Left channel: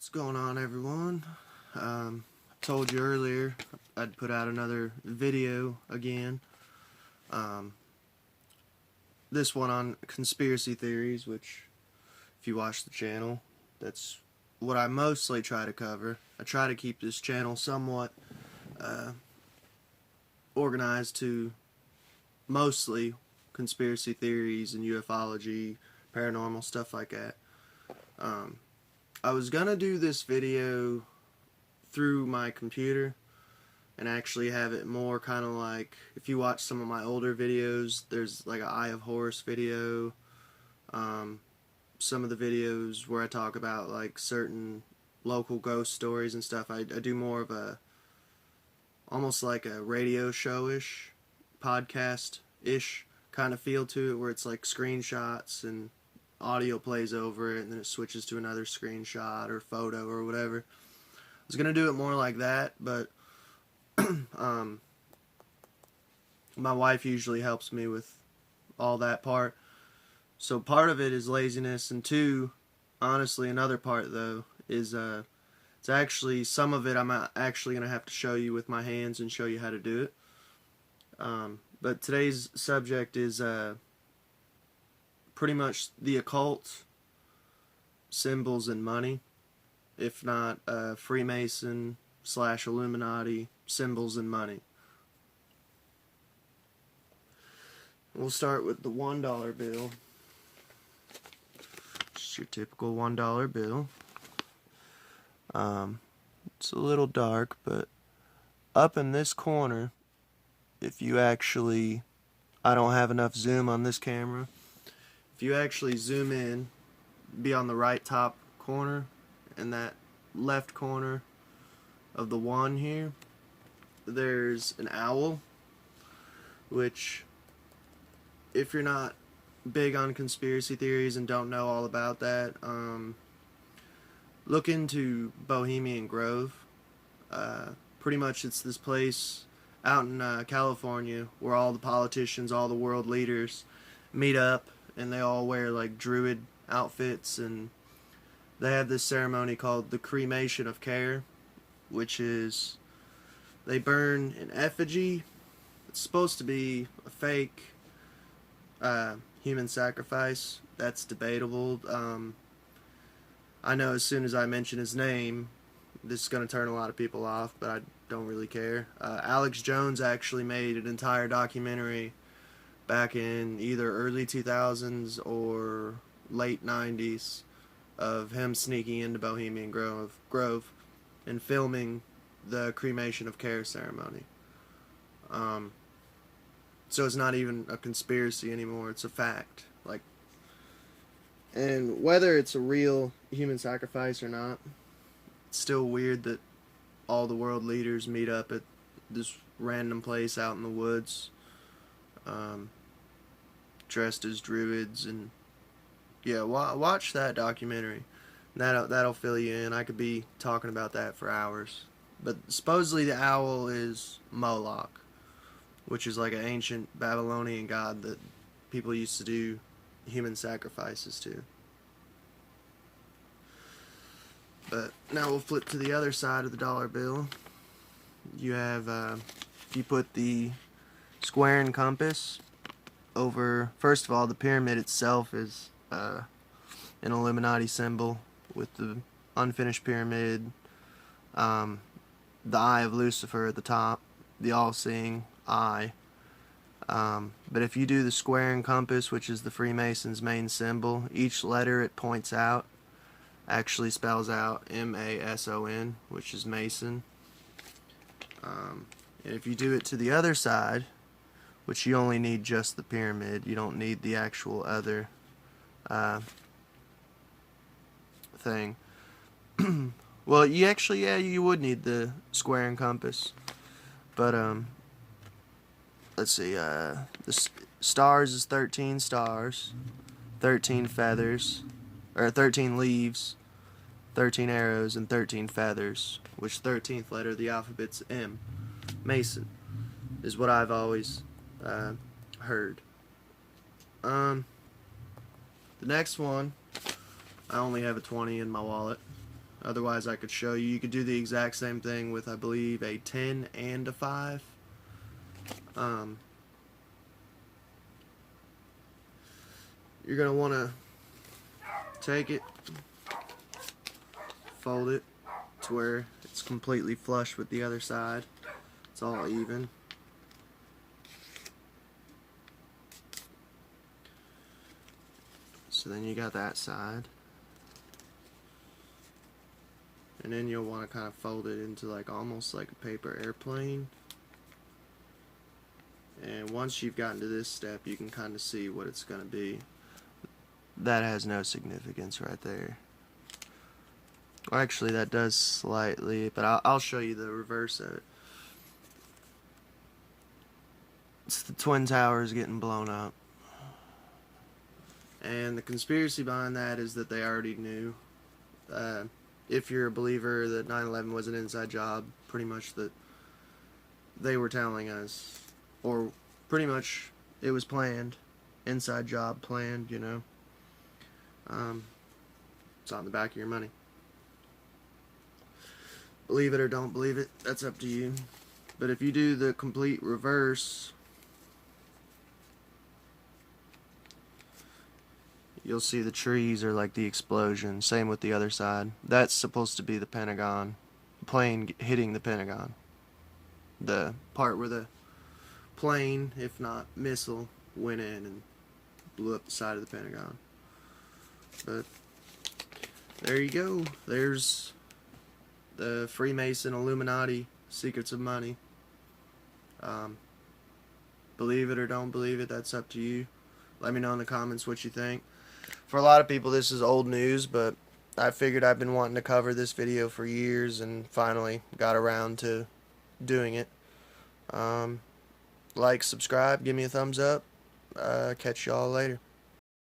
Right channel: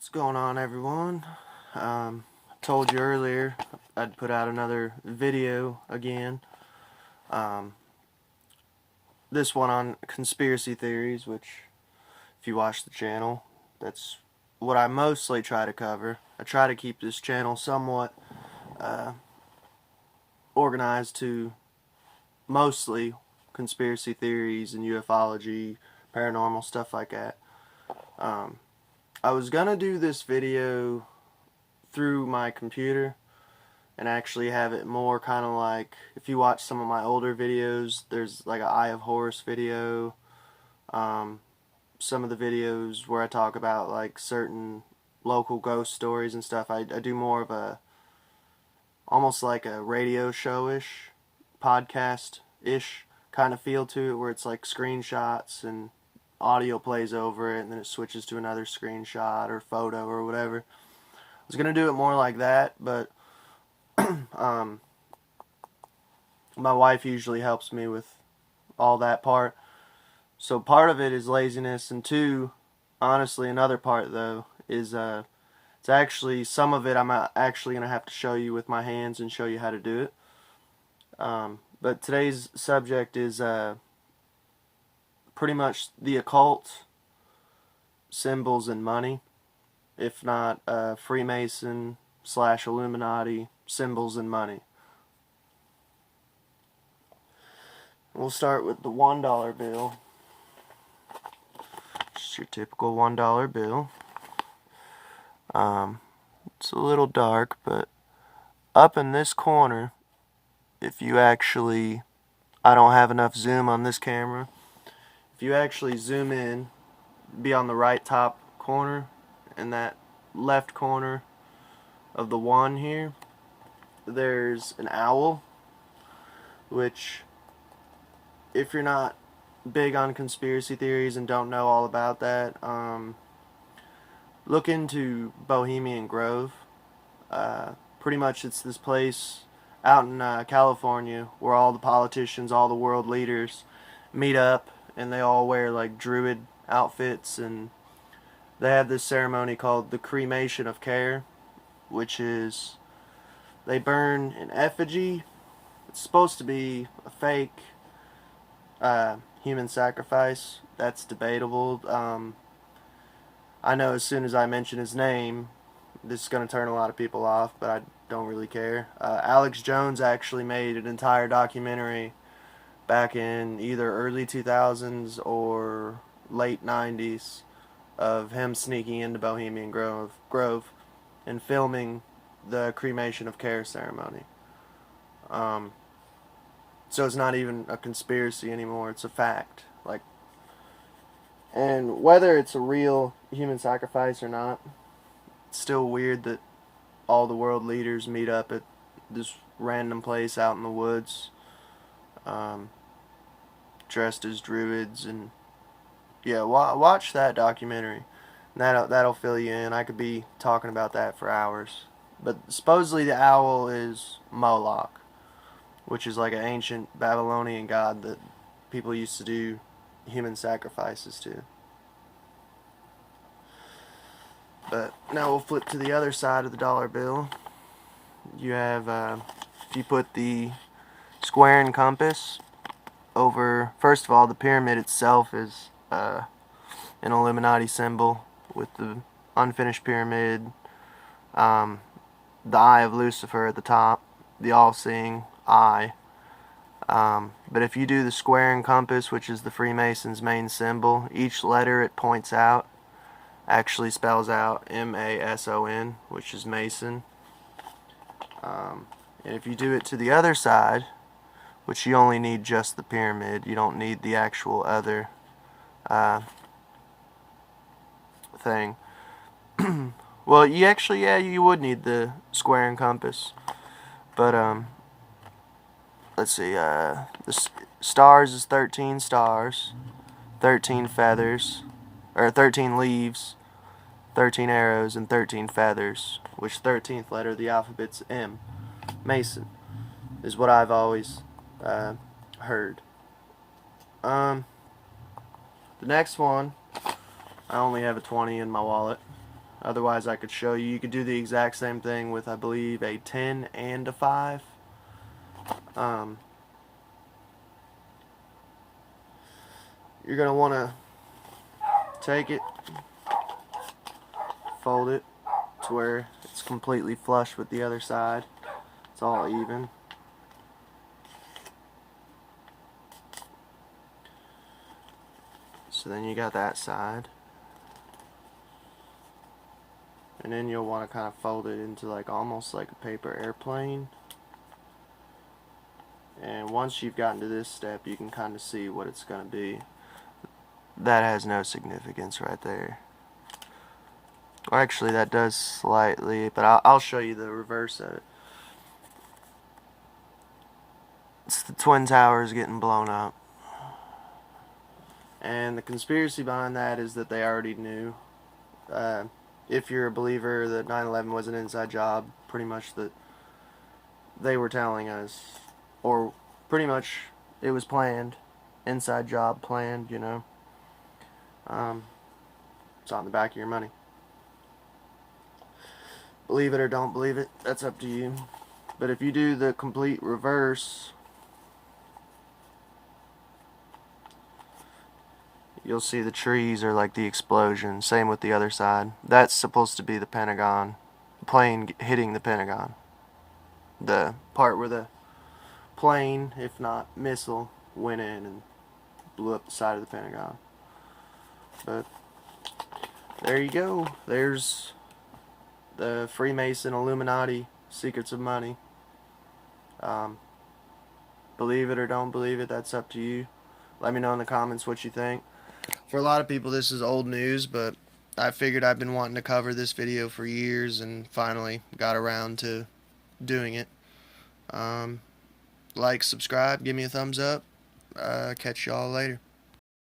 What's going on, everyone? Told you earlier I'd put out another video again. This one on conspiracy theories, which, if you watch the channel, that's what I mostly try to cover. I try to keep this channel somewhat organized to mostly conspiracy theories and ufology, paranormal, stuff like that. I was gonna do this video through my computer and actually have it more kind of like, if you watch some of my older videos, there's like an Eye of Horus video, some of the videos where I talk about like certain local ghost stories and stuff. I do more of a, almost like a radio show-ish, podcast-ish kind of feel to it, where it's like screenshots and audio plays over it and then it switches to another screenshot or photo or whatever. I was gonna do it more like that, but my wife usually helps me with all that part. So part of it is laziness, and two, honestly, another part though is it's actually, some of it I'm actually gonna have to show you with my hands and show you how to do it. But today's subject is pretty much the occult, symbols, and money. If not Freemason / Illuminati, symbols and money. We'll start with the $1 bill. Just your typical $1 bill. It's a little dark, but up in this corner, if you actually, I don't have enough zoom on this camera, if you actually zoom in, be on the right top corner, and that left corner of the one here, there's an owl, which, if you're not big on conspiracy theories and don't know all about that, look into Bohemian Grove. Pretty much it's this place out in California where all the politicians, all the world leaders meet up, and they all wear like druid outfits, and they have this ceremony called the cremation of care, which is they burn an effigy. It's supposed to be a fake human sacrifice. That's debatable. I know as soon as I mention his name, this is going to turn a lot of people off, but I don't really care. Alex Jones actually made an entire documentary back in either early 2000s or late 90s of him sneaking into Bohemian Grove and filming the cremation of care ceremony. So it's not even a conspiracy anymore, it's a fact. Like, and whether it's a real human sacrifice or not, it's still weird that all the world leaders meet up at this random place out in the woods, dressed as druids. And yeah, watch that documentary. That'll fill you in. I could be talking about that for hours. But supposedly the owl is Moloch, which is like an ancient Babylonian god that people used to do human sacrifices to. But now we'll flip to the other side of the dollar bill. You have, if you put the square and compass over, first of all, the pyramid itself is an Illuminati symbol with the unfinished pyramid, the eye of Lucifer at the top, the all-seeing eye. But if you do the square and compass, which is the Freemason's main symbol, each letter it points out actually spells out M-A-S-O-N, which is Mason. And if you do it to the other side, which you only need just the pyramid, you don't need the actual other thing. Well, you actually, yeah, you would need the square and compass. But, let's see, the stars is 13 stars, 13 feathers, or 13 leaves, 13 arrows, and 13 feathers, which 13th letter of the alphabet's M. Mason is what I've always heard. The next one, I only have a 20 in my wallet. Otherwise, I could show you. You could do the exact same thing with, I believe, a 10 and a 5. You're going to want to take it, fold it to where it's completely flush with the other side. It's all even. So then you got that side. And then you'll want to kind of fold it into like almost like a paper airplane. And once you've gotten to this step, you can kind of see what it's going to be. That has no significance right there. Or actually, that does slightly, but I'll show you the reverse of it. It's the Twin Towers getting blown up. And the conspiracy behind that is that they already knew. If you're a believer that 9/11 was an inside job, pretty much that they were telling us, or pretty much it was planned, inside job planned, you know. It's on the back of your money. Believe it or don't believe it, that's up to you. But if you do the complete reverse, you'll see the trees are like the explosion. Same with the other side. That's supposed to be the Pentagon. The plane hitting the Pentagon. The part where the plane, if not missile, went in and blew up the side of the Pentagon. But there you go. There's the Freemason, Illuminati, Secrets of Money. Believe it or don't believe it, that's up to you. Let me know in the comments what you think. For a lot of people, this is old news, but I figured I've been wanting to cover this video for years and finally got around to doing it. Like, subscribe, give me a thumbs up. Catch y'all later.